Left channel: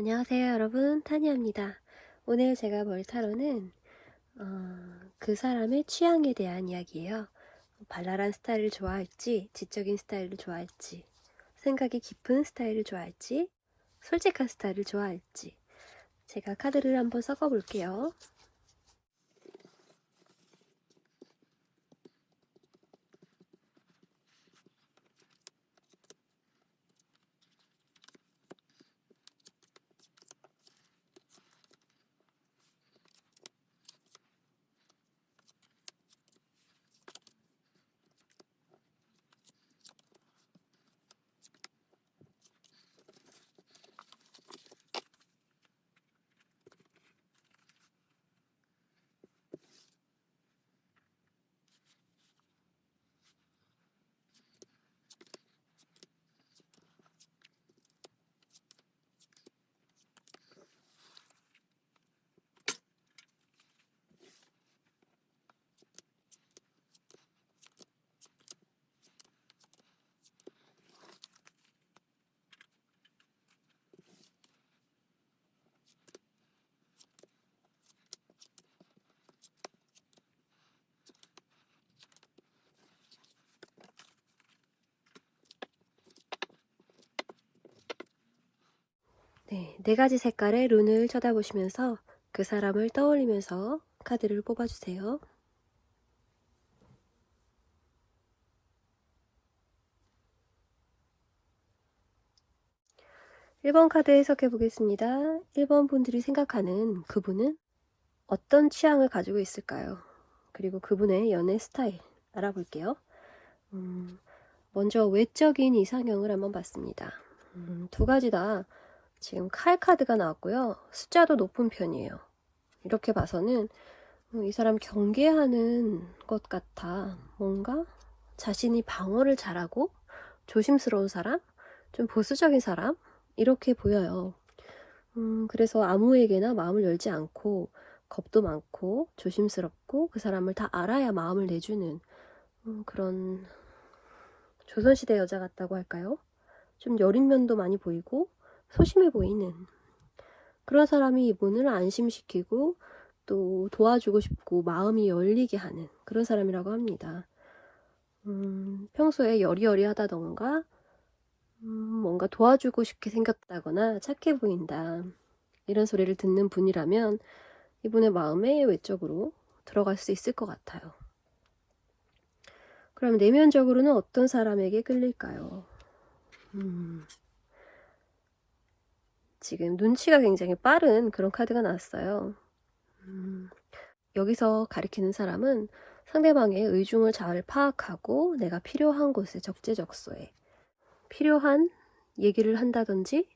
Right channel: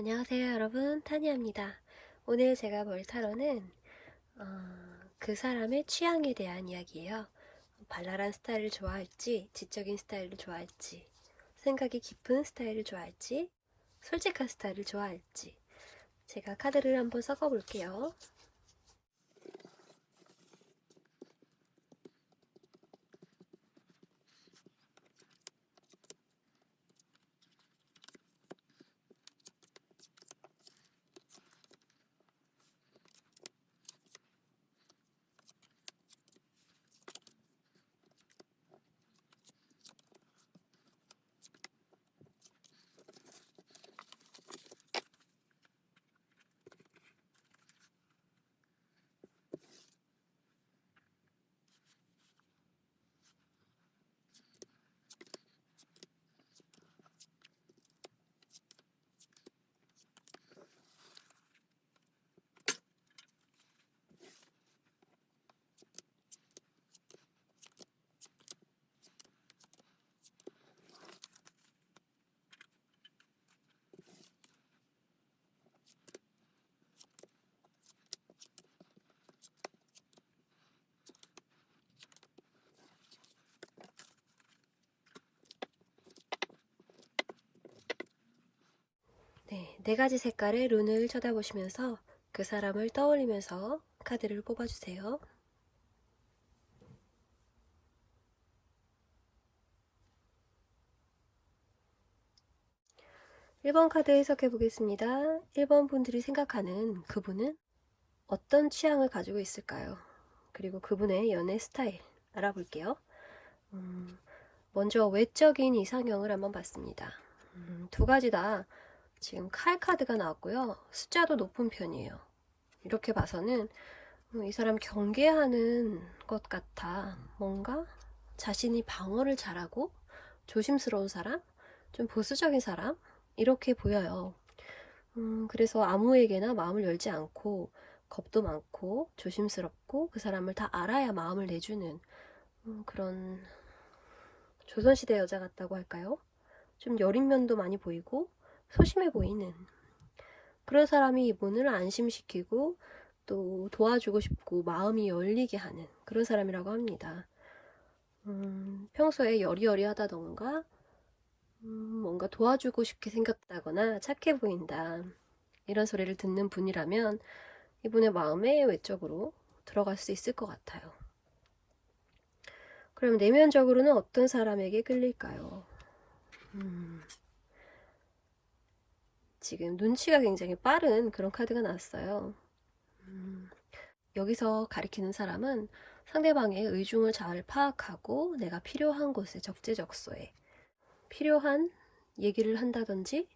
안녕하세요 여러분, 타니아입니다. 오늘 제가 볼 타로는 그 사람의 취향에 대한 이야기예요. 발랄한 스타일을 좋아할지, 지적인 스타일을 좋아할지, 생각이 깊은 스타일을 좋아할지, 솔직한 스타일을 좋아할지. 제가 카드를 한번 섞어 볼게요. 네 가지 색깔의 룬을 쳐다보시면서 그 사람을 떠올리면서 카드를 뽑아주세요. 1번 카드 해석해 보겠습니다. 1번 분들이 생각하는 그분은 어떤 취향을 가지고 있을까요? 그리고 그분의 연애 스타일 알아볼게요. 먼저 외적인 이상형을 한번 봤습니다. 두 가지 다 지금 칼 카드가 나왔고요. 숫자도 높은 편이에요. 이렇게 봐서는 이 사람 경계하는 것 같아. 뭔가 자신이 방어를 잘하고 조심스러운 사람, 좀 보수적인 사람 이렇게 보여요. 그래서 아무에게나 마음을 열지 않고 겁도 많고 조심스럽고 그 사람을 다 알아야 마음을 내주는 그런 조선시대 여자 같다고 할까요? 좀 여린 면도 많이 보이고 소심해 보이는 그런 사람이 이분을 안심시키고 또 도와주고 싶고 마음이 열리게 하는 그런 사람이라고 합니다. 평소에 여리여리하다던가 뭔가 도와주고 싶게 생겼다거나 착해 보인다 이런 소리를 듣는 분이라면 이분의 마음에 외적으로 들어갈 수 있을 것 같아요. 그럼 내면적으로는 어떤 사람에게 끌릴까요? 지금 눈치가 굉장히 빠른 그런 카드가 나왔어요. 여기서 가리키는 사람은 상대방의 의중을 잘 파악하고 내가 필요한 곳에 적재적소에 필요한 얘기를 한다든지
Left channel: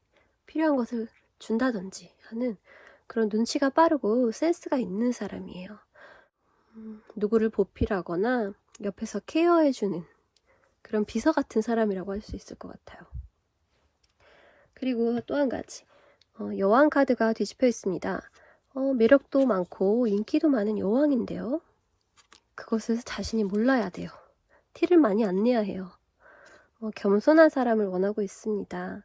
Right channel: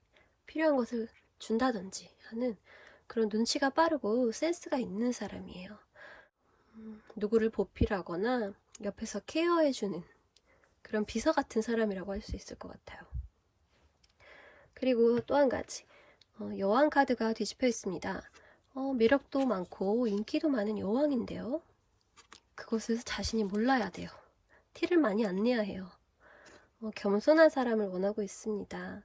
필요한 것을 준다든지 하는 그런 눈치가 빠르고 센스가 있는 사람이에요. 누구를 보필하거나 옆에서 케어해주는 그런 비서 같은 사람이라고 할 수 있을 것 같아요. 그리고 또 한 가지 여왕 카드가 뒤집혀 있습니다. 매력도 많고 인기도 많은 여왕인데요. 그것을 자신이 몰라야 돼요. 티를 많이 안 내야 해요. 겸손한 사람을 원하고 있습니다.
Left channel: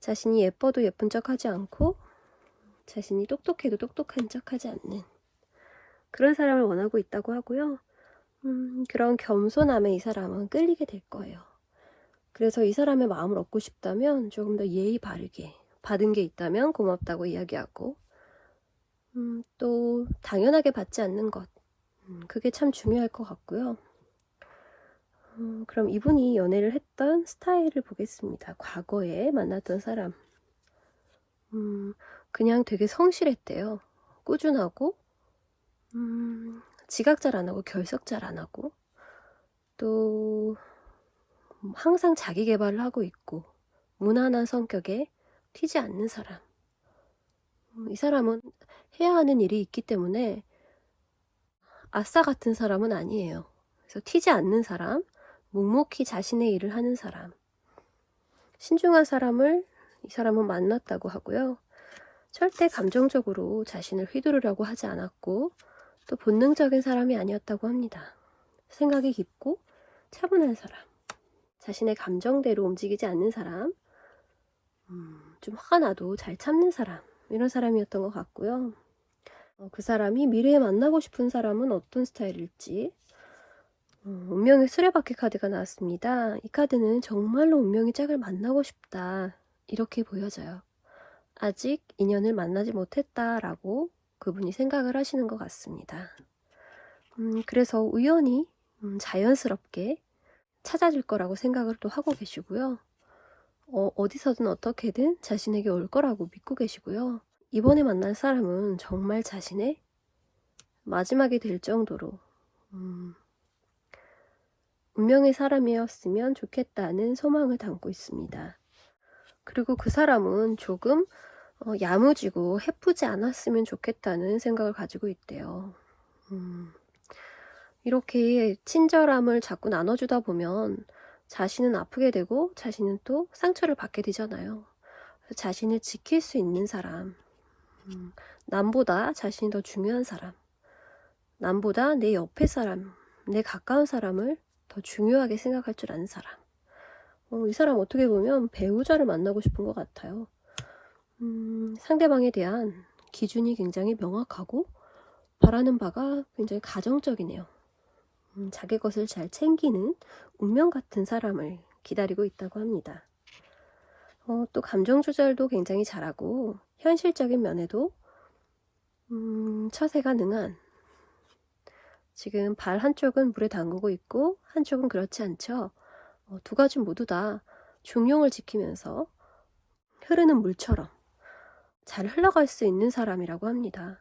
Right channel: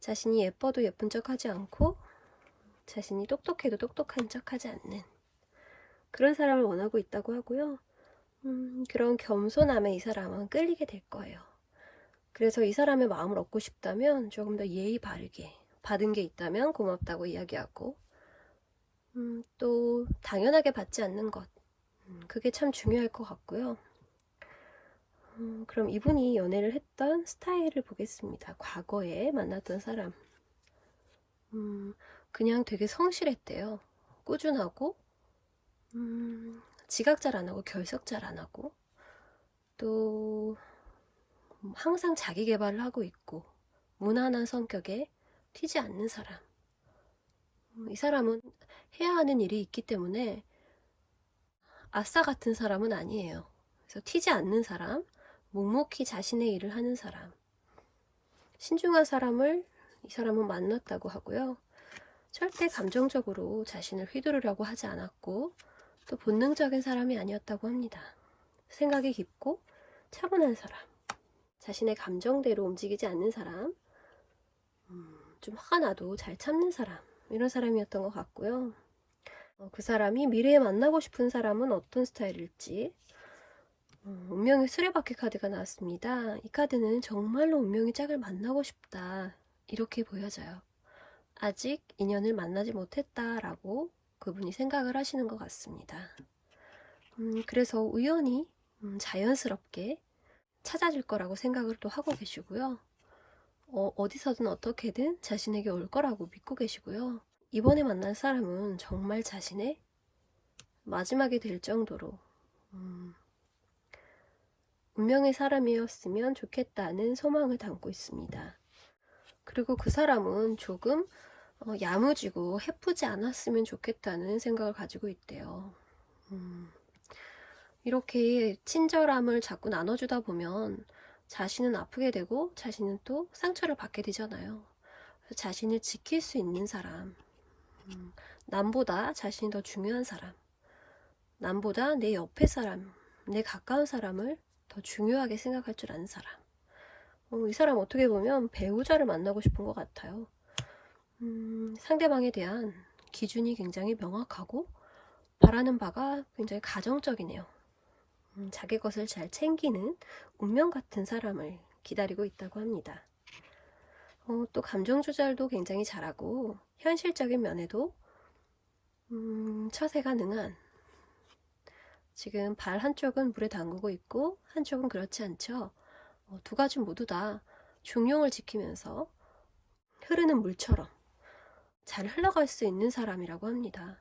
자신이 예뻐도 예쁜 척하지 않고 자신이 똑똑해도 똑똑한 척하지 않는 그런 사람을 원하고 있다고 하고요. 그런 겸손함에 이 사람은 끌리게 될 거예요. 그래서 이 사람의 마음을 얻고 싶다면 조금 더 예의 바르게 받은 게 있다면 고맙다고 이야기하고 또 당연하게 받지 않는 것 그게 참 중요할 것 같고요. 그럼 이분이 연애를 했던 스타일을 보겠습니다. 과거에 만났던 사람 그냥 되게 성실했대요. 꾸준하고 지각 잘 안 하고 결석 잘 안 하고 또 항상 자기 개발을 하고 있고 무난한 성격에 튀지 않는 사람. 이 사람은 해야 하는 일이 있기 때문에 아싸 같은 사람은 아니에요. 그래서 튀지 않는 사람, 묵묵히 자신의 일을 하는 사람, 신중한 사람을 이 사람은 만났다고 하고요. 절대 감정적으로 자신을 휘두르려고 하지 않았고 또 본능적인 사람이 아니었다고 합니다. 생각이 깊고 차분한 사람, 자신의 감정대로 움직이지 않는 사람, 좀 화가 나도 잘 참는 사람, 이런 사람이었던 것 같고요. 그 사람이 미래에 만나고 싶은 사람은 어떤 스타일일지. 운명의 수레바퀴 카드가 나왔습니다. 이 카드는 정말로 운명의 짝을 만나고 싶다, 이렇게 보여져요. 아직 인연을 만나지 못했다라고 그분이 생각을 하시는 것 같습니다. 그래서 우연히 자연스럽게 찾아질 거라고 생각을 또 하고 계시고요. 어디서든 어떻게든 자신에게 올 거라고 믿고 계시고요. 이번에 만난 사람은 정말 자신의 마지막이 될 정도로 운명의 사람이었으면 좋겠다는 소망을 담고 있습니다. 그리고 그 사람은 조금 야무지고 해프지 않았으면 좋겠다는 생각을 가지고 있대요. 이렇게 친절함을 자꾸 나눠주다 보면 자신은 아프게 되고 자신은 또 상처를 받게 되잖아요. 자신을 지킬 수 있는 사람, 남보다 자신이 더 중요한 사람, 남보다 내 옆에 사람, 내 가까운 사람을 더 중요하게 생각할 줄 아는 사람. 이 사람 어떻게 보면 배우자를 만나고 싶은 것 같아요. 상대방에 대한 기준이 굉장히 명확하고 바라는 바가 굉장히 가정적이네요. 자기 것을 잘 챙기는 운명 같은 사람을 기다리고 있다고 합니다. 또 감정 조절도 굉장히 잘하고 현실적인 면에도 처세가 능한, 지금 발 한쪽은 물에 담그고 있고 한쪽은 그렇지 않죠. 두 가지 모두 다 중용을 지키면서 흐르는 물처럼 잘 흘러갈 수 있는 사람이라고 합니다.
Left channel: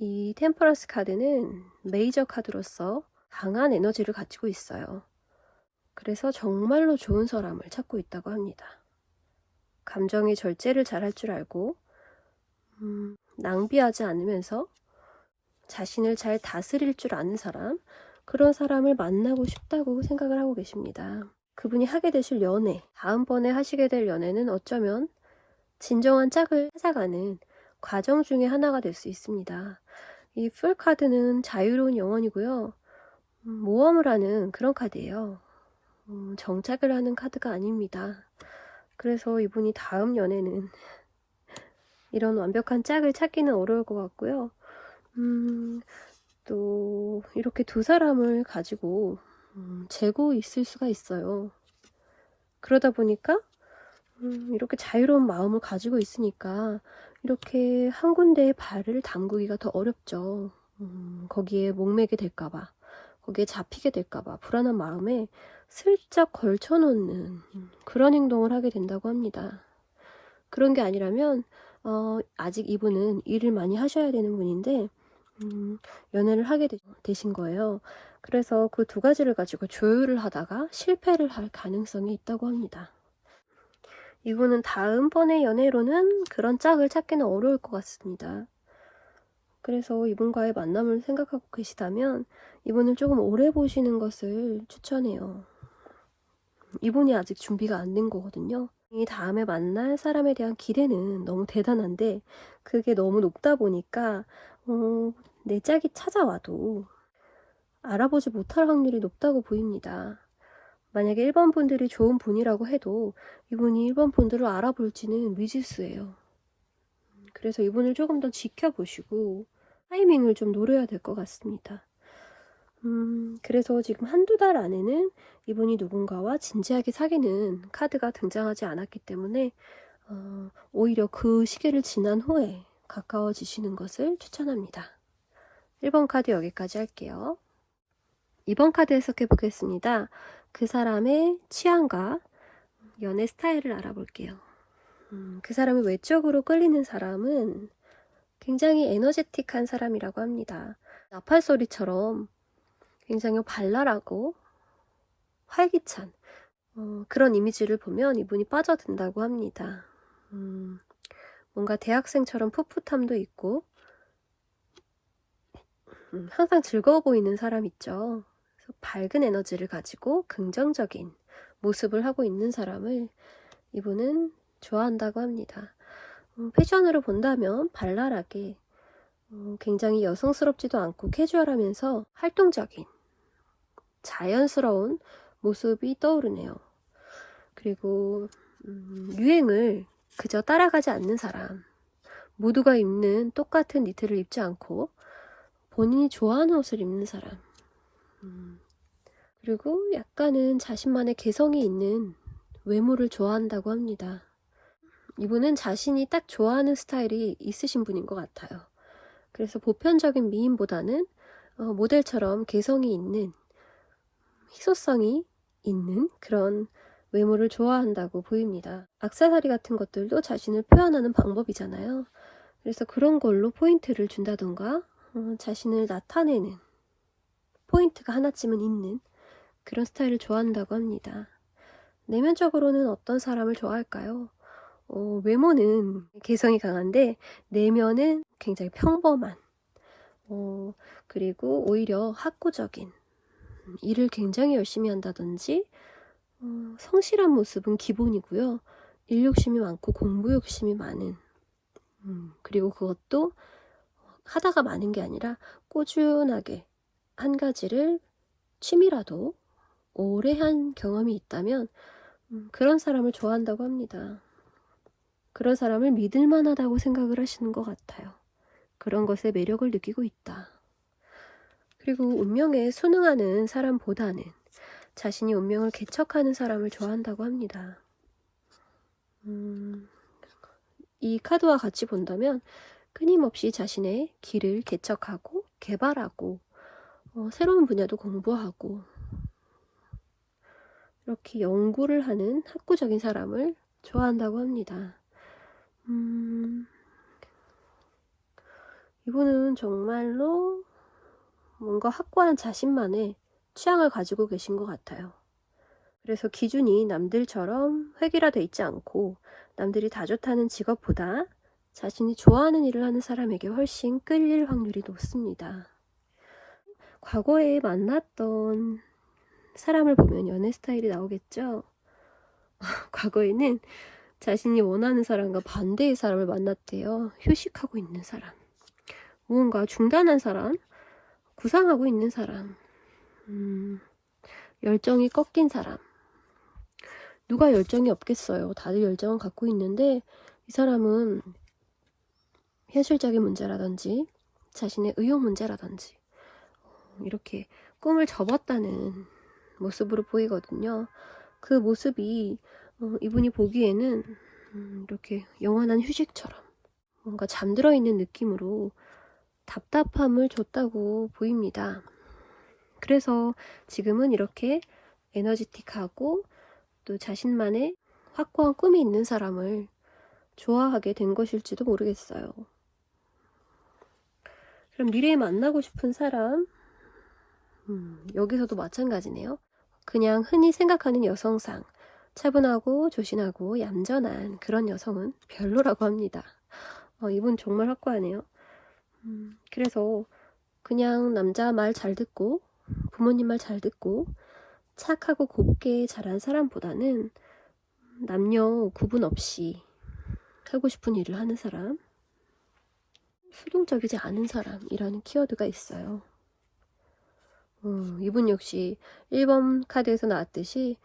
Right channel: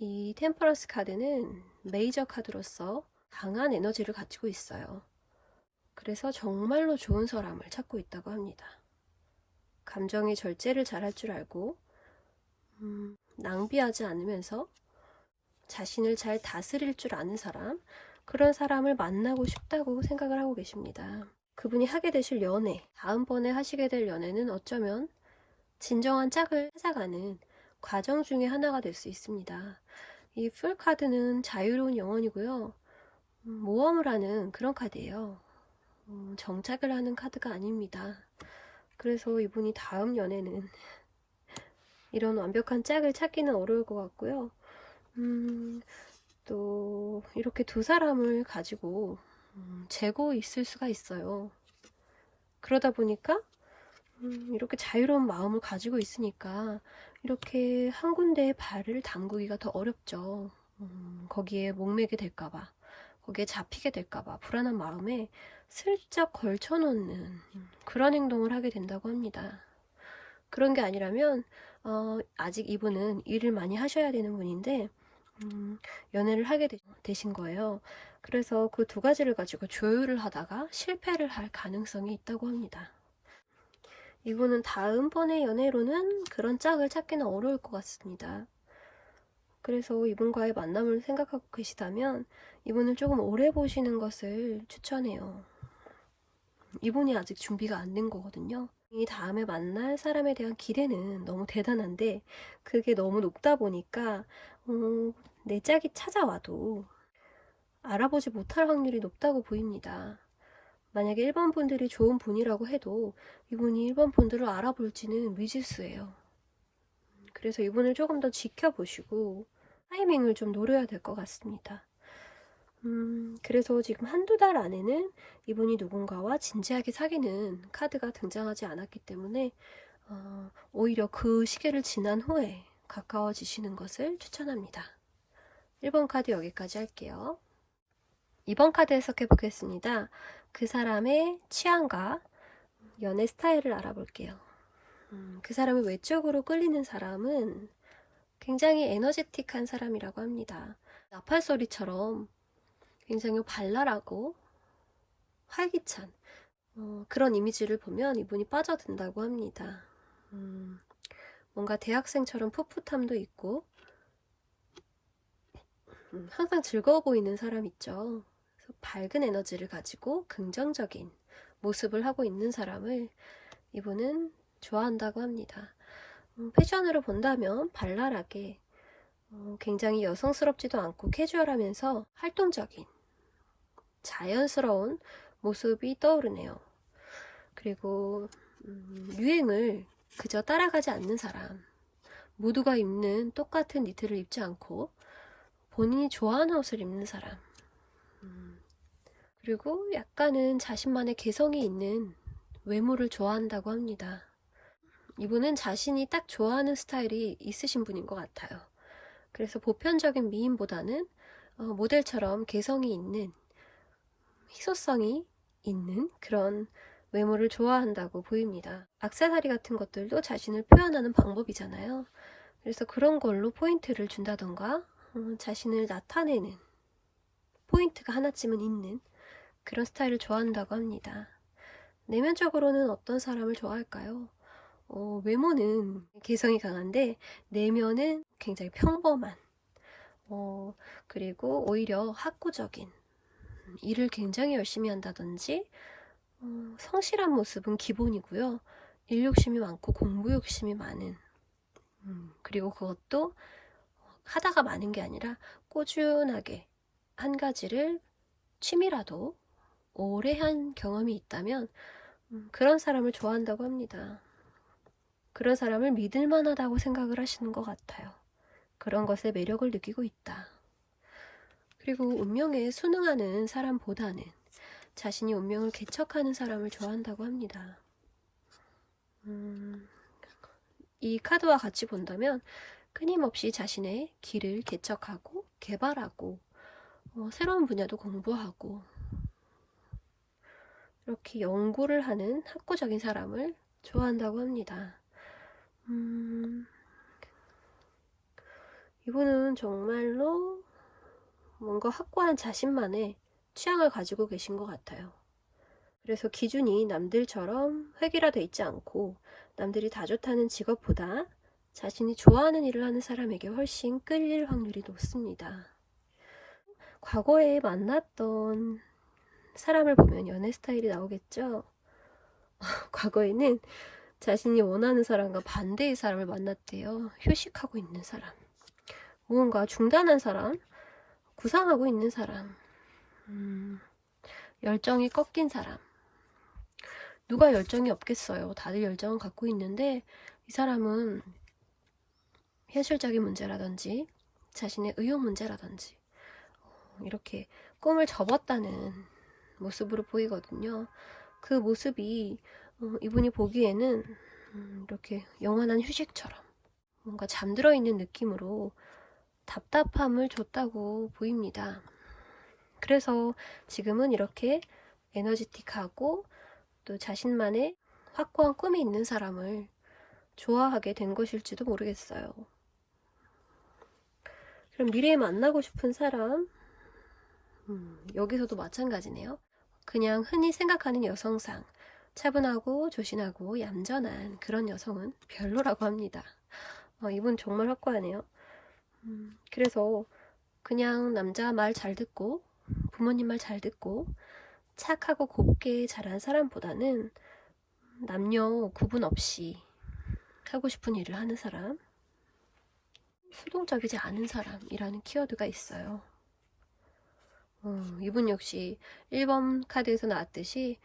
이 템퍼런스 카드는 메이저 카드로서 강한 에너지를 가지고 있어요. 그래서 정말로 좋은 사람을 찾고 있다고 합니다. 감정의 절제를 잘할 줄 알고 낭비하지 않으면서 자신을 잘 다스릴 줄 아는 사람, 그런 사람을 만나고 싶다고 생각을 하고 계십니다. 그분이 하게 되실 연애, 다음번에 하시게 될 연애는 어쩌면 진정한 짝을 찾아가는 과정 중에 하나가 될 수 있습니다. 이 풀 카드는 자유로운 영혼이고요. 모험을 하는 그런 카드예요. 정착을 하는 카드가 아닙니다. 그래서 이분이 다음 연애는 이런 완벽한 짝을 찾기는 어려울 것 같고요. 또 이렇게 두 사람을 가지고 재고 있을 수가 있어요. 그러다 보니까 이렇게 자유로운 마음을 가지고 있으니까 이렇게 한 군데에 발을 담그기가 더 어렵죠. 거기에 목매게 될까봐, 거기에 잡히게 될까봐 불안한 마음에 슬쩍 걸쳐놓는 그런 행동을 하게 된다고 합니다. 그런 게 아니라면 아직 이분은 일을 많이 하셔야 되는 분인데 연애를 하게 되신 거예요. 그래서 그 두 가지를 가지고 조율을 하다가 실패를 할 가능성이 있다고 합니다. 이분은 다음번의 연애로는 그런 짝을 찾기는 어려울 것 같습니다. 그래서 이분과의 만남을 생각하고 계시다면 이분을 조금 오래 보시는 것을 추천해요. 이분이 아직 준비가 안 된 거거든요. 이 다음에 만날 사람에 대한 기대는 너무 대단한데 그게 너무 높다 보니까 내 짝이 찾아와도 알아보지 못할 확률이 높다고 보입니다. 만약에 1번 분들이 좋은 분이라고 해도 이분이 1번 분들을 알아볼지는 미지수예요. 그래서 이분을 조금 더 지켜보시고 타이밍을 좀 노려야 될 것 같습니다. 그래서 지금 한두 달 안에는 이분이 누군가와 진지하게 사귀는 카드가 등장하지 않았기 때문에 오히려 그 시기를 지난 후에 가까워지시는 것을 추천합니다. 1번 카드 여기까지 할게요. 2번 카드 해석해 보겠습니다. 그 사람의 취향과 연애 스타일을 알아볼게요. 그 사람이 외적으로 끌리는 사람은 굉장히 에너제틱한 사람이라고 합니다. 나팔 소리처럼 굉장히 발랄하고 활기찬 그런 이미지를 보면 이분이 빠져든다고 합니다. 뭔가 대학생처럼 풋풋함도 있고 항상 즐거워 보이는 사람 있죠. 그래서 밝은 에너지를 가지고 긍정적인 모습을 하고 있는 사람을 이분은 좋아한다고 합니다. 패션으로 본다면 발랄하게 굉장히 여성스럽지도 않고 캐주얼하면서 활동적인 자연스러운 모습이 떠오르네요. 그리고 유행을 그저 따라가지 않는 사람, 모두가 입는 똑같은 니트를 입지 않고 본인이 좋아하는 옷을 입는 사람, 그리고 약간은 자신만의 개성이 있는 외모를 좋아한다고 합니다. 이분은 자신이 딱 좋아하는 스타일이 있으신 분인 것 같아요. 그래서 보편적인 미인보다는 모델처럼 개성이 있는, 희소성이 있는 그런 외모를 좋아한다고 보입니다. 액세서리 같은 것들도 자신을 표현하는 방법이잖아요. 그래서 그런 걸로 포인트를 준다던가 자신을 나타내는 포인트가 하나쯤은 있는 그런 스타일을 좋아한다고 합니다. 내면적으로는 어떤 사람을 좋아할까요? 외모는 개성이 강한데 내면은 굉장히 평범한, 그리고 오히려 학구적인, 일을 굉장히 열심히 한다든지 성실한 모습은 기본이고요. 일 욕심이 많고 공부 욕심이 많은, 그리고 그것도 하다가 많은 게 아니라 꾸준하게 한 가지를 취미라도 오래 한 경험이 있다면 그런 사람을 좋아한다고 합니다. 그런 사람을 믿을 만하다고 생각을 하시는 것 같아요. 그런 것에 매력을 느끼고 있다. 그리고 운명에 순응하는 사람보다는 자신이 운명을 개척하는 사람을 좋아한다고 합니다. 이 카드와 같이 본다면 끊임없이 자신의 길을 개척하고 개발하고 새로운 분야도 공부하고 이렇게 연구를 하는 학구적인 사람을 좋아한다고 합니다. 이분은 정말로 뭔가 확고한 자신만의 취향을 가지고 계신 것 같아요. 그래서 기준이 남들처럼 획일화되어 있지 않고 남들이 다 좋다는 직업보다 자신이 좋아하는 일을 하는 사람에게 훨씬 끌릴 확률이 높습니다. 과거에 만났던 사람을 보면 연애 스타일이 나오겠죠? 과거에는 자신이 원하는 사람과 반대의 사람을 만났대요. 휴식하고 있는 사람, 무언가 중단한 사람, 구상하고 있는 사람, 열정이 꺾인 사람. 누가 열정이 없겠어요. 다들 열정은 갖고 있는데 이 사람은 현실적인 문제라든지 자신의 의욕 문제라든지 이렇게 꿈을 접었다는 모습으로 보이거든요. 그 모습이 이분이 보기에는 이렇게 영원한 휴식처럼 뭔가 잠들어 있는 느낌으로 답답함을 줬다고 보입니다. 그래서 지금은 이렇게 에너지틱하고 또 자신만의 확고한 꿈이 있는 사람을 좋아하게 된 것일지도 모르겠어요. 그럼 미래에 만나고 싶은 사람, 여기서도 마찬가지네요. 그냥 흔히 생각하는 여성상, 차분하고 조신하고 얌전한 그런 여성은 별로라고 합니다. 이분 정말 확고하네요. 그래서 그냥 남자 말 잘 듣고 부모님 말 잘 듣고 착하고 곱게 자란 사람보다는 남녀 구분 없이 하고 싶은 일을 하는 사람, 수동적이지 않은 사람이라는 키워드가 있어요. 이분 역시 1번 카드에서 나왔듯이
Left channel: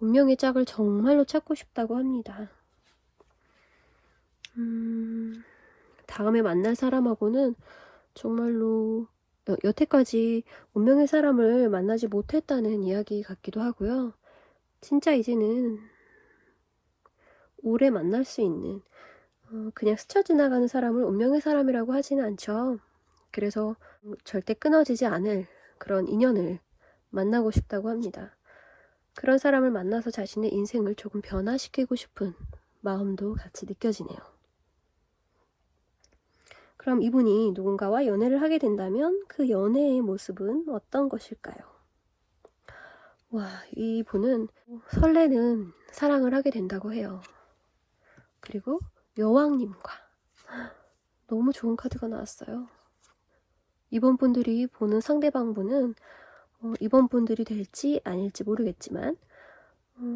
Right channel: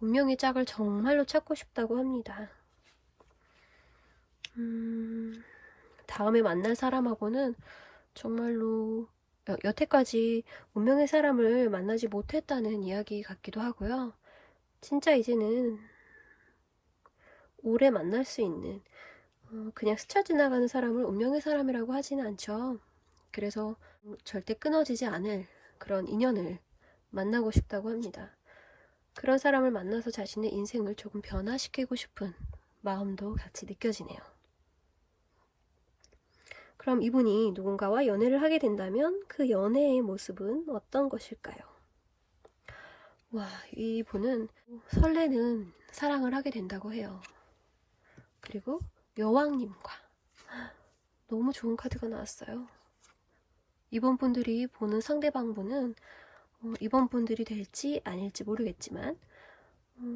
운명의 짝을 정말로 찾고 싶다고 합니다. 다음에 만날 사람하고는 정말로 여태까지 운명의 사람을 만나지 못했다는 이야기 같기도 하고요. 진짜 이제는 오래 만날 수 있는, 그냥 스쳐 지나가는 사람을 운명의 사람이라고 하지는 않죠. 그래서 절대 끊어지지 않을 그런 인연을 만나고 싶다고 합니다. 그런 사람을 만나서 자신의 인생을 조금 변화시키고 싶은 마음도 같이 느껴지네요. 그럼 이분이 누군가와 연애를 하게 된다면 그 연애의 모습은 어떤 것일까요? 와, 이분은 설레는 사랑을 하게 된다고 해요. 그리고 여왕님과 너무 좋은 카드가 나왔어요. 이번 분들이 보는 상대방분은 이번 분들이 될지 아닐지 모르겠지만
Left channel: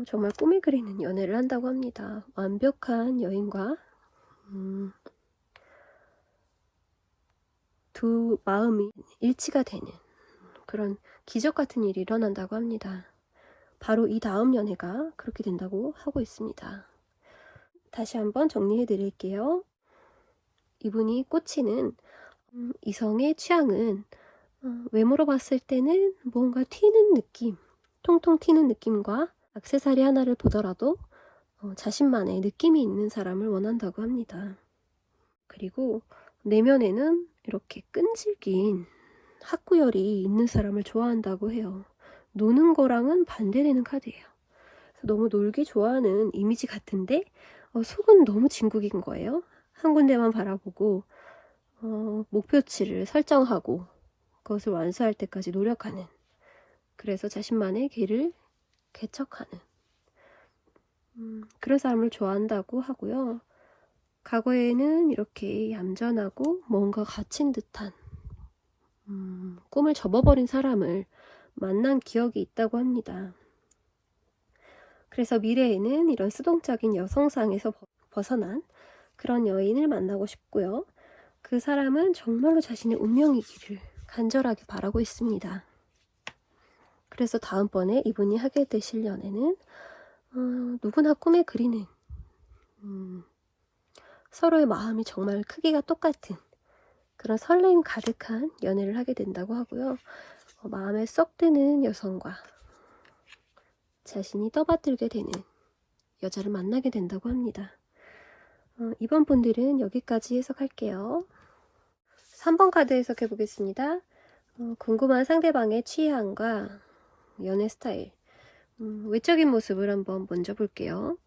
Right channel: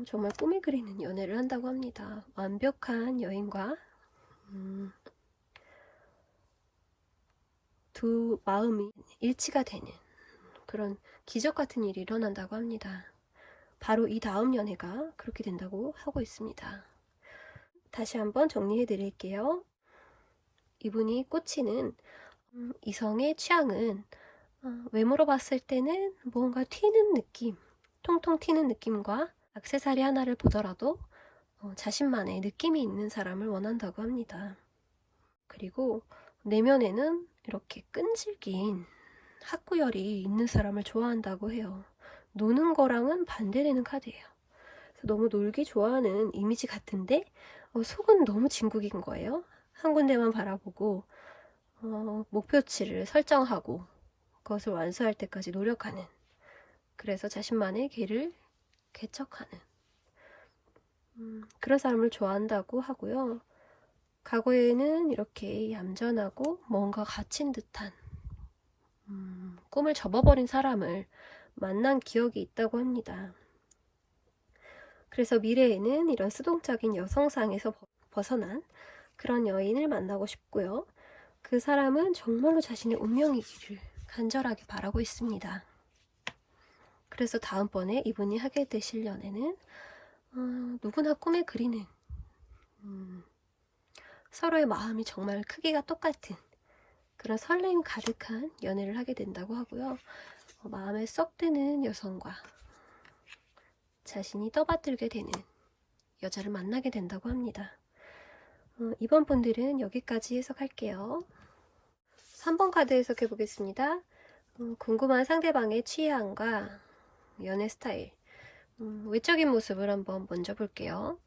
정말 꿈에 그리는 연애를 한다고 합니다. 완벽한 여인과 두 마음이 일치가 되는 그런 기적 같은 일이 일어난다고 합니다. 바로 이 다음 연애가 그렇게 된다고 하고 있습니다. 다시 한번 정리해 드릴게요. 이분이 꽂히는 이성의 취향은 외모로 봤을 때는 뭔가 튀는 느낌, 통통 튀는 느낌과 액세서리 하나를 보더라도 자신만의 느낌이 있는 사람을 원한다고 합니다. 그리고 내면에는 이렇게 끈질긴 학구열이 있는 사람을 좋아한다고 해요. 노는 거랑은 반대되는 카드예요. 그래서 너무 놀기 좋아하는 이미지 같은데 속은 너무 진국인 거예요. 한 군데만 바라보고 목표치를 설정하고 그것을 완수할 때까지 노력하는, 그래서 자신만의 길을 개척하는 그런 사람을 좋아한다고 하고요. 과거에는 이렇게 얌전하고 뭔가 갇힌 듯한 꿈을 접어버린 사람을 만난 기억이 있다고 합니다. 그래서 미래에는 이런 수동적인 여성상에서 벗어난 그런 여인을 만나고 싶고요. 그 사람은 정말로 자신의 운명이기를 간절하게 바라고 있습니다. 그래서 다음번에 이분이 하게 되실 연애는 누구나 꿈에 그리는 서로의 마음이 정말 크기가 똑같은 그런 설렘 가득한 연애를 하게 된다고 하고요. 마음에 쏙 드는 여성과 자신이 떠받들게 되는 여자를 만나게 된다고 합니다. 이번 분들은 여기까지 해석할게요. 3번 카드 해석해 보겠습니다. 궁금한 상대방의 취향과 연애 스타일, 외적인 모습을 한번 먼저 볼게요.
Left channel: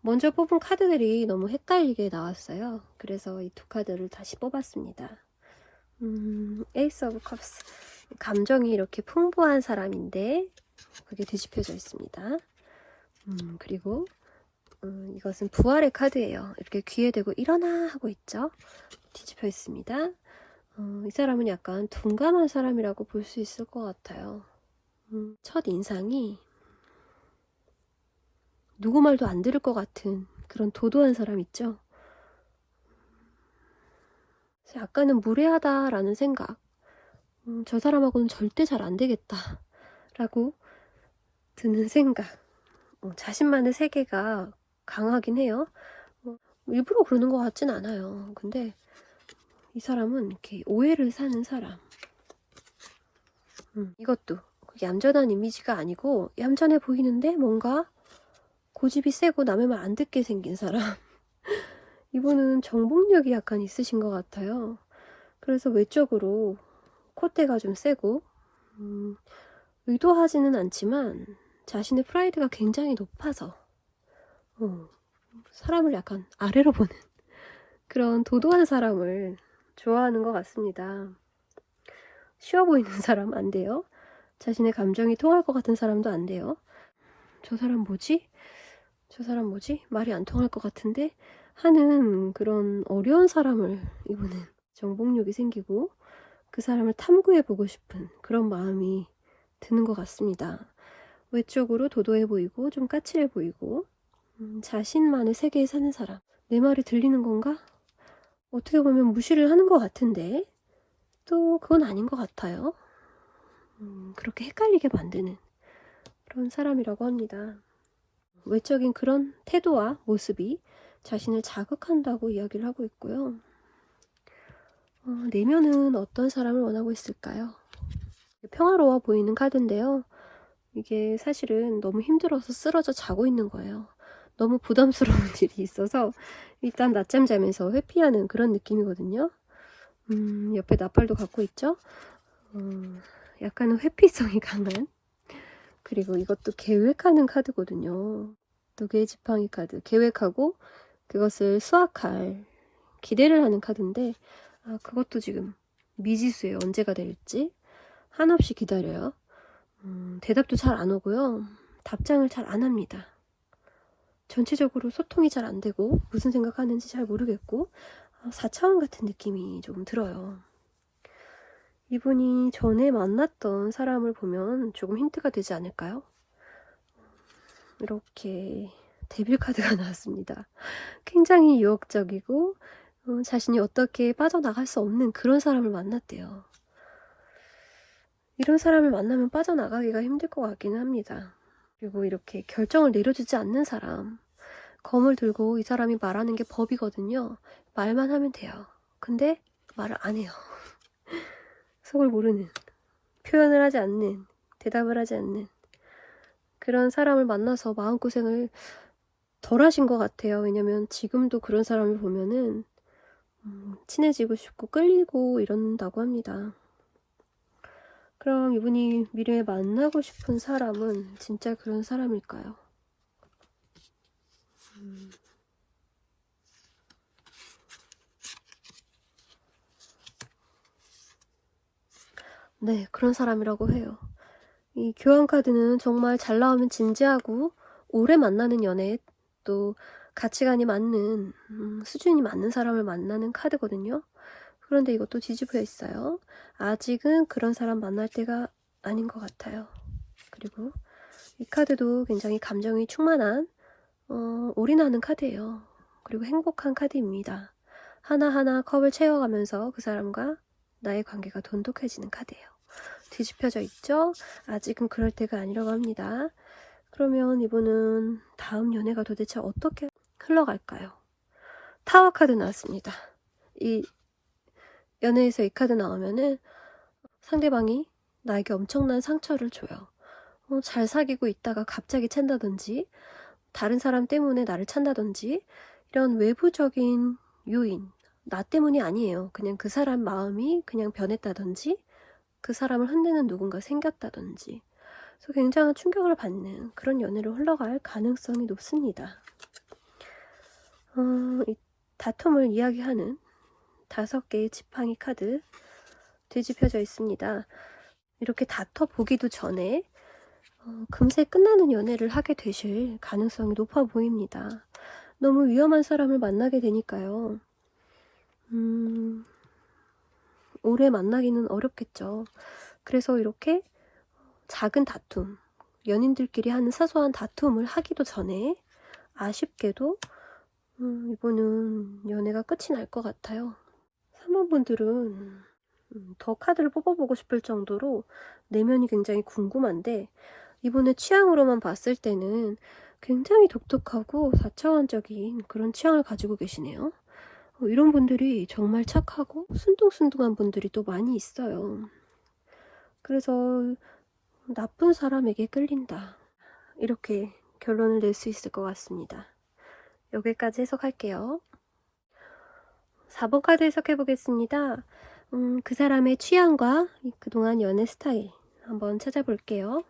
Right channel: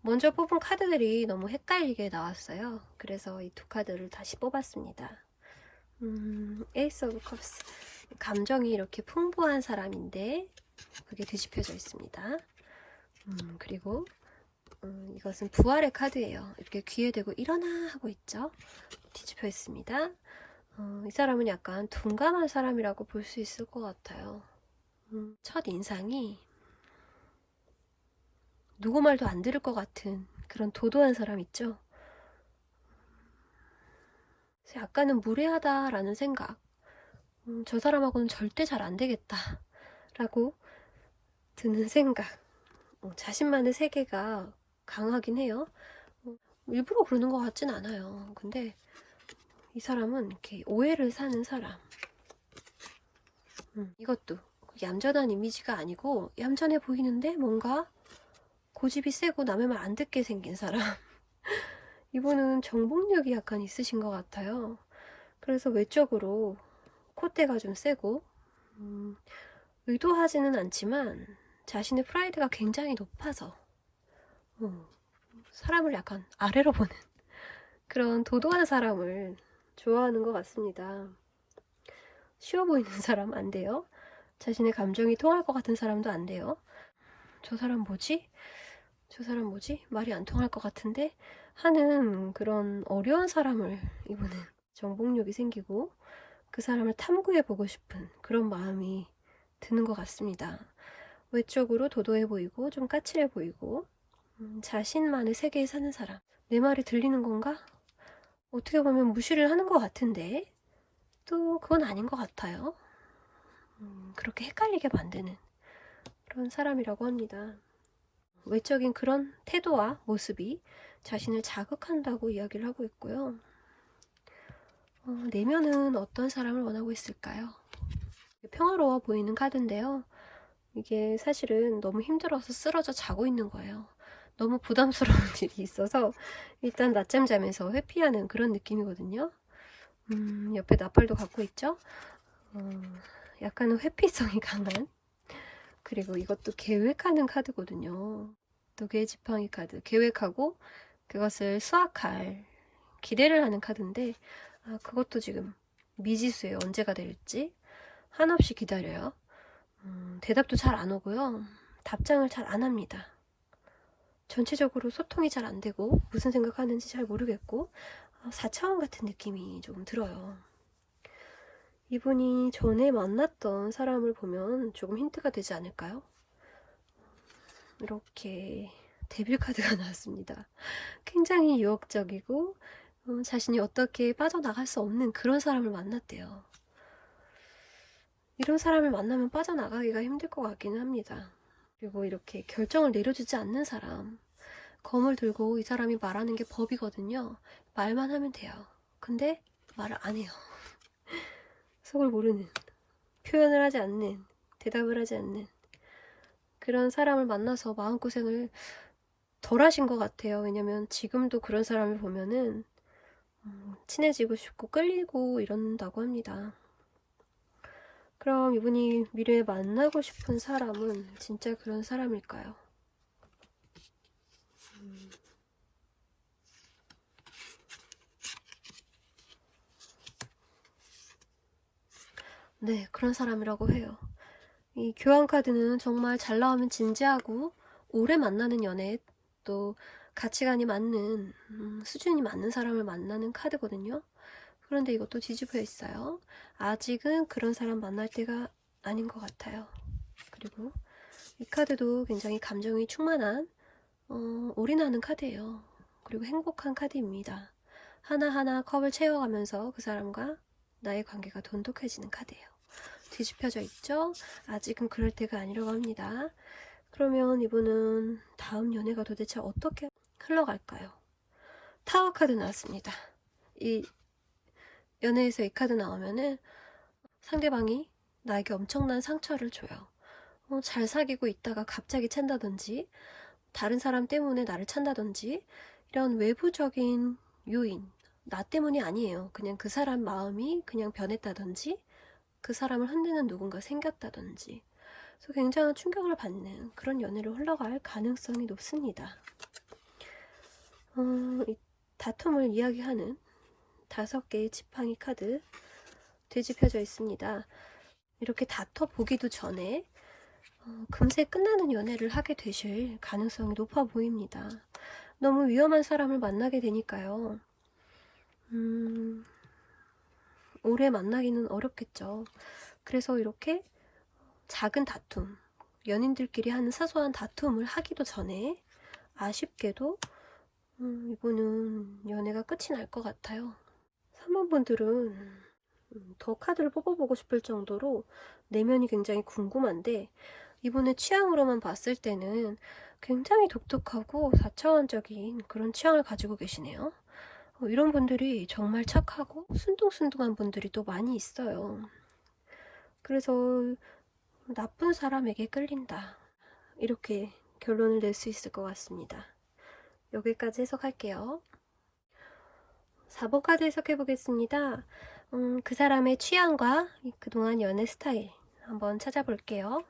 먼저 뽑은 카드들이 너무 헷갈리게 나왔어요. 그래서 이 두 카드를 다시 뽑았습니다. 에이스 오브 컵스, 감정이 이렇게 풍부한 사람인데 그게 뒤집혀져 있습니다. 그리고 이것은 부활의 카드예요. 이렇게 귀에 대고 일어나 하고 있죠. 뒤집혀 있습니다. 이 사람은 약간 둔감한 사람이라고 볼 수 있을 것 같아요. 첫 인상이 누구 말도 안 들을 것 같은 그런 도도한 사람 있죠. 약간은 무례하다라는 생각, 저 사람하고는 절대 잘 안 되겠다 라고 드는 생각, 자신만의 세계가 강하긴 해요. 일부러 그러는 것 같진 않아요. 근데 이 사람은 이렇게 오해를 사는 사람. 이것도 얌전한 이미지가 아니고 얌전해 보이는데 뭔가 고집이 세고 남의 말 안 듣게 생긴 사람. 이분은 정복력이 약간 있으신 것 같아요. 그래서 외적으로 콧대가 좀 세고 의도하지는 않지만 자신의 프라이드가 굉장히 높아서 사람을 약간 아래로 보는 그런 도도한 사람을 좋아하는 것 같습니다. 쉬워 보이는 사람 안 돼요. 자신의 감정이 통할 것 같은 사람도 안 돼요. 저 사람 뭐지? 저 사람 뭐지? 말이 안 통할 것 같은데? 하는 그런 어려운 사람을 이분은 정복력이 생기고 그 사람을 탐구해보고 싶은 그런 마음이 드는 것 같습니다. 외적으로 도도해 보이고 좀 까칠해 보이고 자신만의 세계에 사는 사람. 내 말이 들리는 건가? 어떻게 보면 무시를 하는 것 같은데 또 그건 아닌 것 같아요. 그렇게 헷갈리게 만드는 그런 사람이라고 합니다. 외적인 그런 태도와 모습이 자신을 자극한다고 이야기를 하고 있고요. 내면은 어떤 사람을 원하고 있을까요? 평화로워 보이는 카드인데요. 이게 사실은 너무 힘들어서 쓰러져 자고 있는 거예요. 너무 부담스러운 일이 있어서 일단 낮잠 자면서 회피하는 그런 느낌이거든요. 옆에 나팔도 갖고 있죠. 약간은 회피성이 강한, 그리고 이것도 계획하는 카드거든요. 두 개의 지팡이 카드, 계획하고 그것을 수확할 기대를 하는 카드인데 그것도 지금 미지수예요. 언제가 될지 한없이 기다려요. 대답도 잘 안 오고요. 답장을 잘 안 합니다. 전체적으로 소통이 잘 안 되고 무슨 생각하는지 잘 모르겠고 4차원 같은 느낌이 조금 들어요. 이분이 전에 만났던 사람을 보면 조금 힌트가 되지 않을까요? 이렇게 데빌 카드가 나왔습니다. 굉장히 유혹적이고 자신이 어떻게 빠져나갈 수 없는 그런 사람을 만났대요. 이런 사람을 만나면 빠져나가기가 힘들 것 같기는 합니다. 그리고 이렇게 결정을 내려주지 않는 사람, 검을 들고 이 사람이 말하는 게 법이거든요. 말만 하면 돼요. 근데 말을 안 해요. 속을 모르는, 표현을 하지 않는, 대답을 하지 않는 그런 사람을 만나서 마음고생을 덜 하신 것 같아요. 왜냐면 지금도 그런 사람을 보면은 친해지고 싶고 끌리고 이런다고 합니다. 그럼 이분이 미래에 만나고 싶은 사람은 진짜 그런 사람일까요? 네, 그런 사람이라고 해요. 이 교환 카드는 정말 잘 나오면 진지하고 오래 만나는 연애, 또 가치관이 맞는 수준이 맞는 사람을 만나는 카드거든요. 그런데 이것도 뒤집혀 있어요. 아직은 그런 사람 만날 때가 아닌 것 같아요. 그리고 이 카드도 굉장히 감정이 충만한 올인하는 카드예요. 그리고 행복한 카드입니다. 하나하나 컵을 채워가면서 그 사람과 나의 관계가 돈독해지는 카드예요. 뒤집혀져 있죠? 아직은 그럴 때가 아니라고 합니다. 그러면 이분은 다음 연애가 도대체 어떻게 흘러갈까요? 타워 카드 나왔습니다. 이 연애에서 이 카드 나오면은 상대방이 나에게 엄청난 상처를 줘요. 잘 사귀고 있다가 갑자기 찬다든지 다른 사람 때문에 나를 찬다든지 이런 외부적인 요인, 나 때문이 아니에요. 그냥 그 사람 마음이 그냥 변했다든지 그 사람을 흔드는 누군가 생겼다든지 그래서 굉장한 충격을 받는 그런 연애로 흘러갈 가능성이 높습니다. 이 다툼을 이야기하는 5개의 지팡이 카드 뒤집혀져 있습니다. 이렇게 다퉈보기도 전에 금세 끝나는 연애를 하게 되실 가능성이 높아 보입니다. 너무 위험한 사람을 만나게 되니까요. 오래 만나기는 어렵겠죠. 그래서 이렇게 작은 다툼, 연인들끼리 하는 사소한 다툼을 하기도 전에 아쉽게도 이분은 연애가 끝이 날 것 같아요. 3번 분들은 더 카드를 뽑아보고 싶을 정도로 내면이 굉장히 궁금한데 이분의 취향으로만 봤을 때는 굉장히 독특하고 4차원적인 그런 취향을 가지고 계시네요. 이런 분들이 정말 착하고 순둥순둥한 분들이 또 많이 있어요. 그래서 나쁜 사람에게 끌린다. 이렇게 결론을 낼 수 있을 것 같습니다. 여기까지 해석할게요. 4번 카드 해석해 보겠습니다. 그 사람의 취향과 그동안 연애 스타일 한번 찾아볼게요.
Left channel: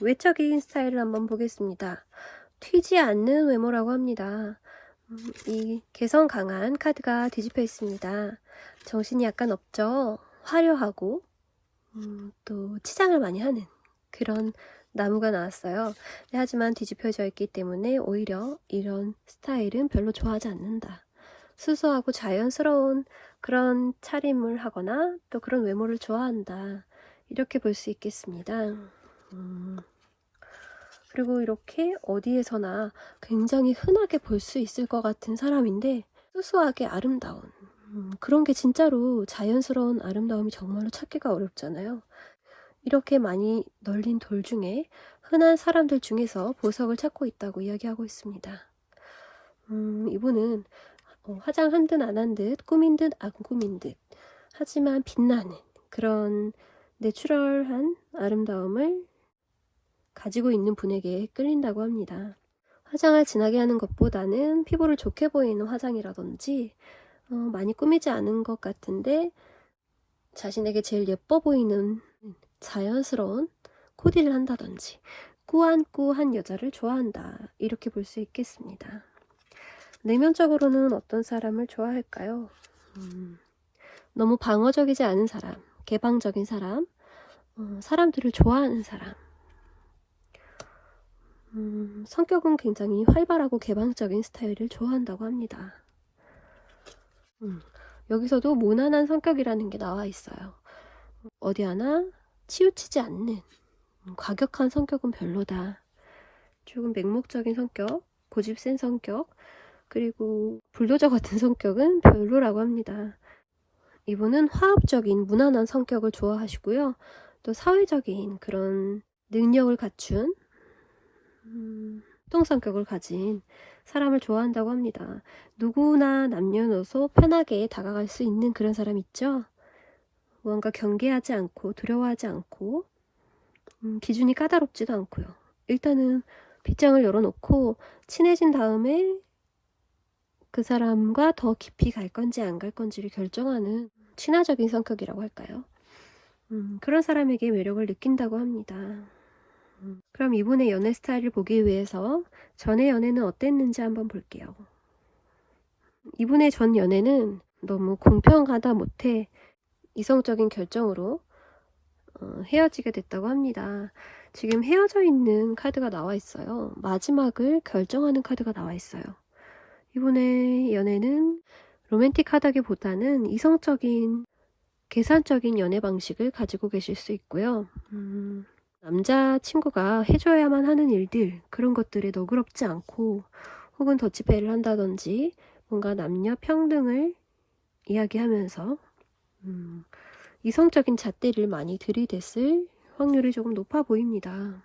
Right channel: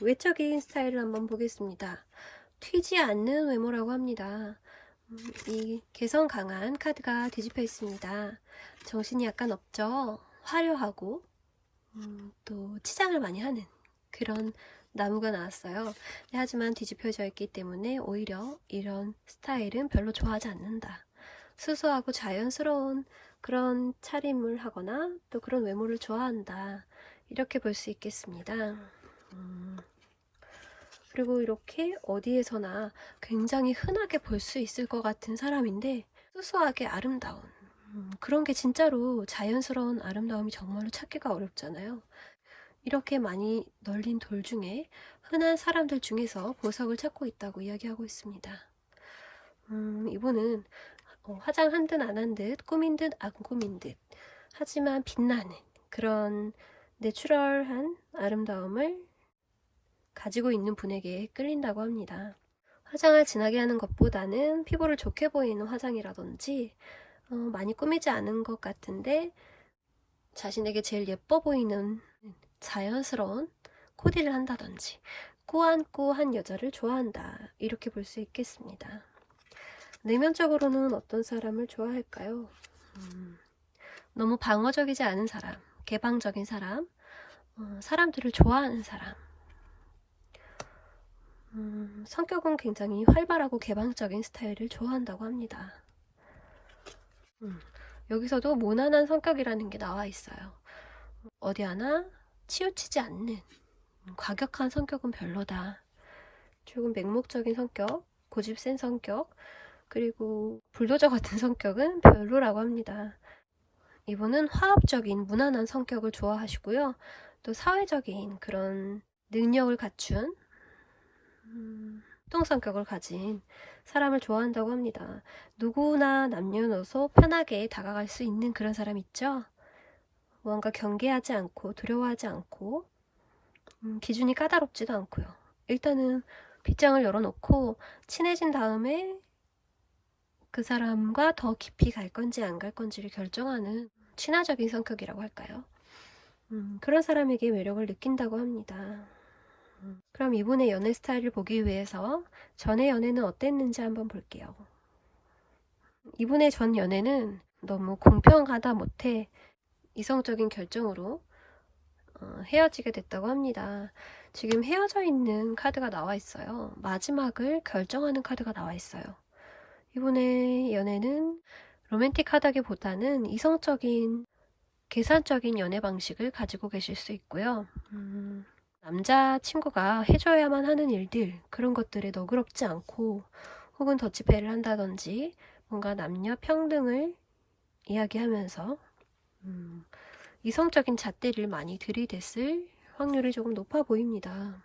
외적인 스타일을 한번 보겠습니다. 튀지 않는 외모라고 합니다. 이 개성 강한 카드가 뒤집혀 있습니다. 정신이 약간 없죠. 화려하고 또 치장을 많이 하는 그런 나무가 나왔어요. 하지만 뒤집혀져 있기 때문에 오히려 이런 스타일은 별로 좋아하지 않는다. 수수하고 자연스러운 그런 차림을 하거나 또 그런 외모를 좋아한다. 이렇게 볼 수 있겠습니다. 그리고 이렇게 어디에서나 굉장히 흔하게 볼 수 있을 것 같은 사람인데 수수하게 아름다운 그런 게 진짜로 자연스러운 아름다움이 정말로 찾기가 어렵잖아요. 이렇게 많이 널린 돌 중에 흔한 사람들 중에서 보석을 찾고 있다고 이야기하고 있습니다. 이분은 화장 한 듯 안 한 듯 꾸민 듯 안 꾸민 듯 하지만 빛나는 그런 내추럴한 아름다움을 가지고 있는 분에게 끌린다고 합니다. 화장을 진하게 하는 것보다는 피부를 좋게 보이는 화장이라든지 많이 꾸미지 않은 것 같은데 자신에게 제일 예뻐 보이는 자연스러운 코디를 한다든지 꾸안꾸한 여자를 좋아한다. 이렇게 볼 수 있겠습니다. 내면적으로는 어떤 사람을 좋아할까요? 너무 방어적이지 않은 사람, 개방적인 사람, 사람들을 좋아하는 사람. 성격은 굉장히 활발하고 개방적인 스타일을 좋아한다고 합니다. 여기서도 모난한 성격이라는 게 나와 있어요. 어디 하나 치우치지 않는 과격한 성격은 별로다. 조금 맹목적인 성격, 고집 센 성격, 그리고 불도저 같은 성격은 별로라고 합니다. 이분은 화합적인 무난한 성격을 좋아하시고요. 또 사회적인 그런 능력을 갖춘 활동 성격을 가진 사람을 좋아한다고 합니다. 누구나 남녀노소 편하게 다가갈 수 있는 그런 사람 있죠? 뭔가 경계하지 않고 두려워하지 않고 기준이 까다롭지도 않고요. 일단은 빗장을 열어놓고 친해진 다음에 그 사람과 더 깊이 갈 건지 안 갈 건지를 결정하는 친화적인 성격이라고 할까요? 그런 사람에게 매력을 느낀다고 합니다. 그럼 이분의 연애 스타일을 보기 위해서 전의 연애는 어땠는지 한번 볼게요. 이분의 전 연애는 너무 공평하다 못해 이성적인 결정으로 헤어지게 됐다고 합니다. 지금 헤어져 있는 카드가 나와 있어요. 마지막을 결정하는 카드가 나와 있어요. 이분의 연애는 로맨틱하다기보다는 이성적인 계산적인 연애 방식을 가지고 계실 수 있고요. 남자친구가 해줘야만 하는 일들, 그런 것들에 너그럽지 않고 혹은 더치페이를 한다든지 뭔가 남녀 평등을 이야기하면서 이성적인 잣대를 많이 들이댔을 확률이 조금 높아 보입니다.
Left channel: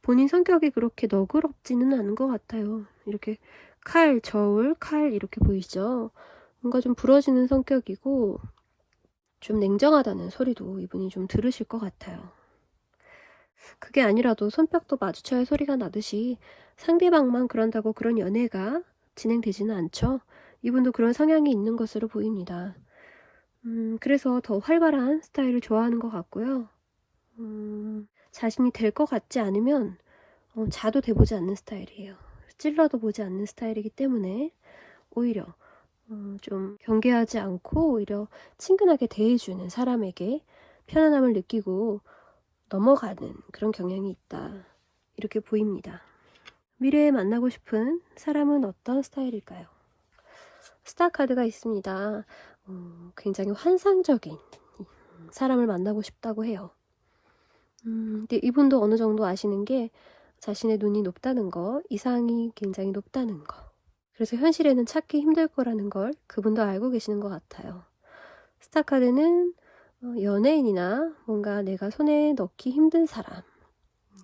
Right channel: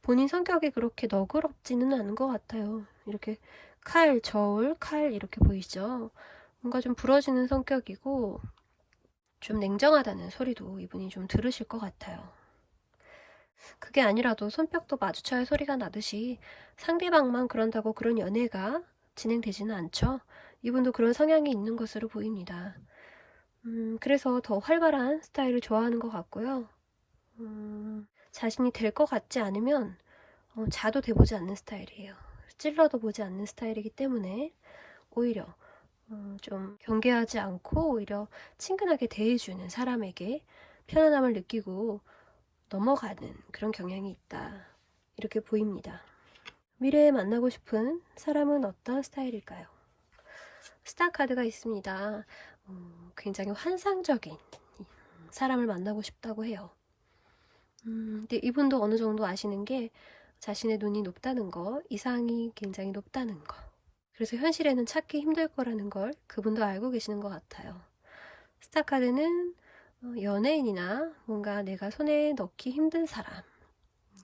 본인 성격이 그렇게 너그럽지는 않은 것 같아요. 이렇게 칼, 저울, 칼 이렇게 보이죠? 뭔가 좀 부러지는 성격이고 좀 냉정하다는 소리도 이분이 좀 들으실 것 같아요. 그게 아니라도 손뼉도 마주쳐야 소리가 나듯이 상대방만 그런다고 그런 연애가 진행되지는 않죠. 이분도 그런 성향이 있는 것으로 보입니다. 그래서 더 활발한 스타일을 좋아하는 것 같고요. 자신이 될 것 같지 않으면 자도 대보지 않는 스타일이에요. 찔러도 보지 않는 스타일이기 때문에 오히려 좀 경계하지 않고 오히려 친근하게 대해주는 사람에게 편안함을 느끼고 넘어가는 그런 경향이 있다. 이렇게 보입니다. 미래에 만나고 싶은 사람은 어떤 스타일일까요? 스타 카드가 있습니다. 굉장히 환상적인 사람을 만나고 싶다고 해요. 근데 이분도 어느 정도 아시는 게 자신의 눈이 높다는 거, 이상이 굉장히 높다는 거. 그래서 현실에는 찾기 힘들 거라는 걸 그분도 알고 계시는 것 같아요. 스타 카드는 연예인이나 뭔가 내가 손에 넣기 힘든 사람,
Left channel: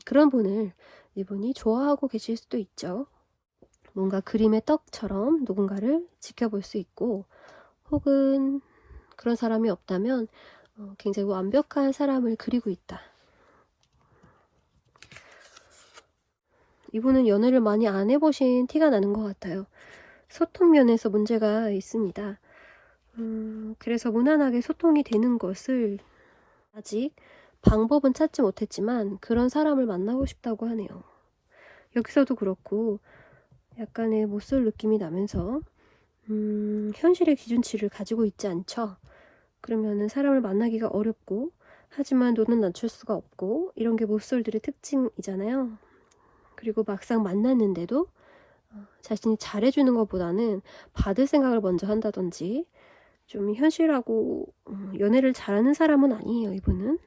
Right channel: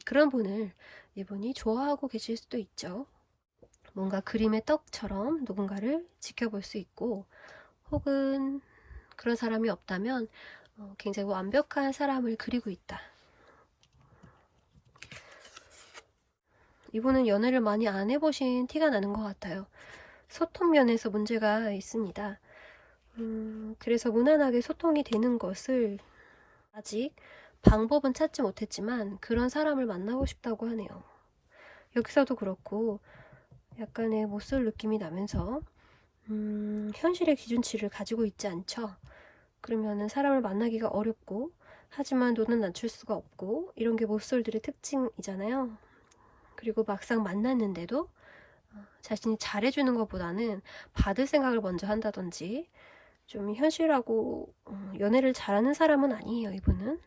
그런 분을 이분이 좋아하고 계실 수도 있죠. 뭔가 그림의 떡처럼 누군가를 지켜볼 수 있고 혹은 그런 사람이 없다면 굉장히 완벽한 사람을 그리고 있다. 이분은 연애를 많이 안 해보신 티가 나는 것 같아요. 소통 면에서 문제가 있습니다. 그래서 무난하게 소통이 되는 것을 아직 방법은 찾지 못했지만 그런 사람을 만나고 싶다고 하네요. 여기서도 그렇고 약간의 못쏠 느낌이 나면서 현실의 기준치를 가지고 있지 않죠. 그러면은 사람을 만나기가 어렵고 하지만 눈은 낮출 수가 없고 이런 게 못쏠들의 특징이잖아요. 그리고 막상 만났는데도 자신이 잘해주는 것보다는 받을 생각을 먼저 한다든지 좀 현실하고 연애를 잘하는 사람은 아니에요. 이분은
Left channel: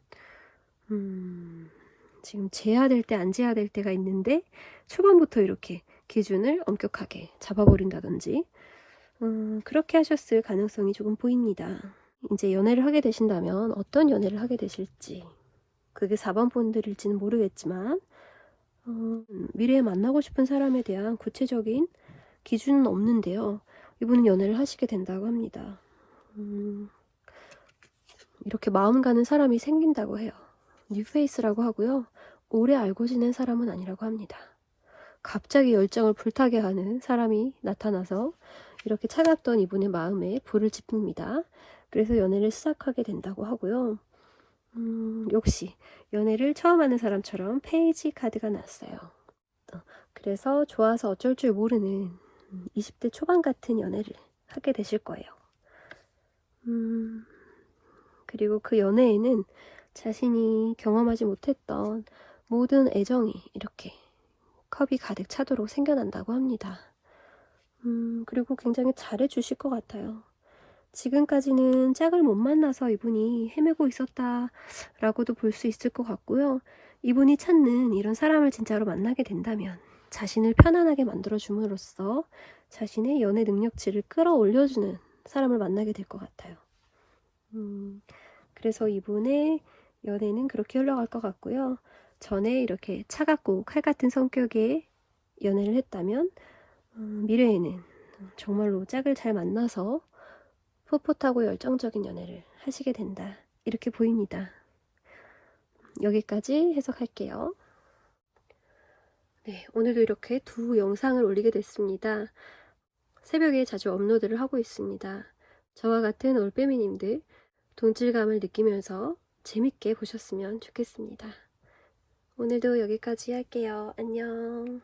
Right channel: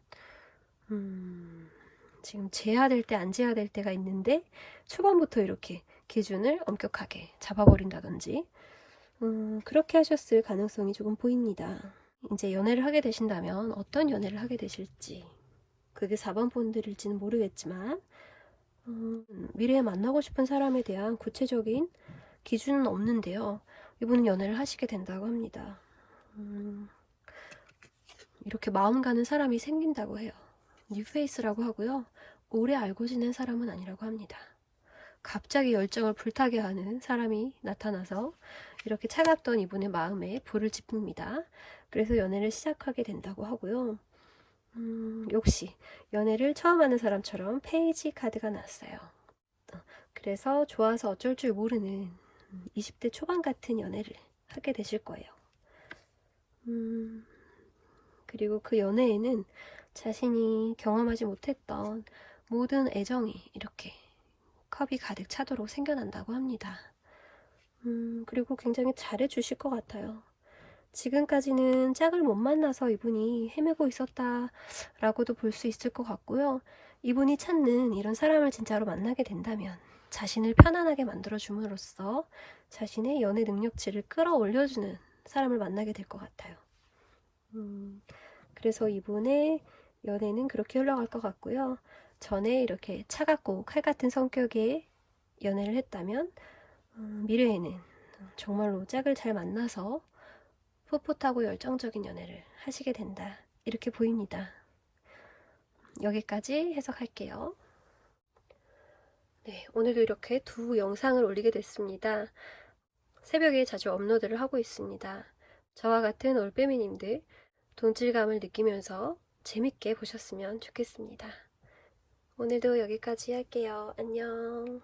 지금 재야 될 때 안 재야 될 때가 있는데 초반부터 이렇게 기준을 엄격하게 잡아버린다든지 그렇게 하셨을 가능성이 조금 보입니다. 이제 연애를 하게 되신다면 어떤 연애를 하게 되실지 그게 4번 분들일지는 모르겠지만 미래에 만나고 싶은 사람에 대한 구체적인 기준은 없는데요. 이분은 연애를 하시게 된다고 합니다. 이렇게 마음 가는 사람이 생긴다고 해요. 뉴페이스라고 하고요. 오래 알고 지낸 사람은 아니라고 합니다. 갑자기 열정을 불타게 하는 사람이 나타나서 이렇게 차갑던 이분의 마음에 불을 지핍니다. 그래서 연애를 시작하게 된다고 하고요. 역시 연애를 처음 하는 사람처럼 페이지 카드가 났어요. 그래서 좋아서 어쩔 줄 모르는 20대 초반 같은 연애를 하게 되실 거예요. 그리고 그 연애에는 자신이 경험하지 못했던 모든 애정이 이렇게 컵이 가득 차도록 생겨난다고 합니다. 그리고 굉장히 잘해주실 것 같아요. 지금까지는 짝을 못 만나서 이분이 헤매고 있었다라고도 볼 수 있을 것 같고요. 이분이 찾는 이런 사람을 진짜로 만나게 된다면 자신을 편안하게 만들어줌으로써 자신의 연애 능력치를 끌어올려주는 사람을 만나게 될 것 같아요. 그래서 이분의 연애는 그렇게 흘러갈 것 같고요. 전에 이렇게 차갑고 칼 같은 성격의 연애를 했다면 미래에는 정말로 짝을 잘 만나서 풋풋하고 열정적인 연애를 하시게 된다. 이렇게 보입니다. 여기까지 해석할게요. 네, 오늘도 이렇게 두 영상을 올리게 됐습니다. 새벽에 자주 업로드를 하고 있습니다. 저와 같은 올빼미님들 동질감을 느끼면서 재밌게 보셨으면 좋겠습니다. 오늘도 여기까지 할게요. 안녕.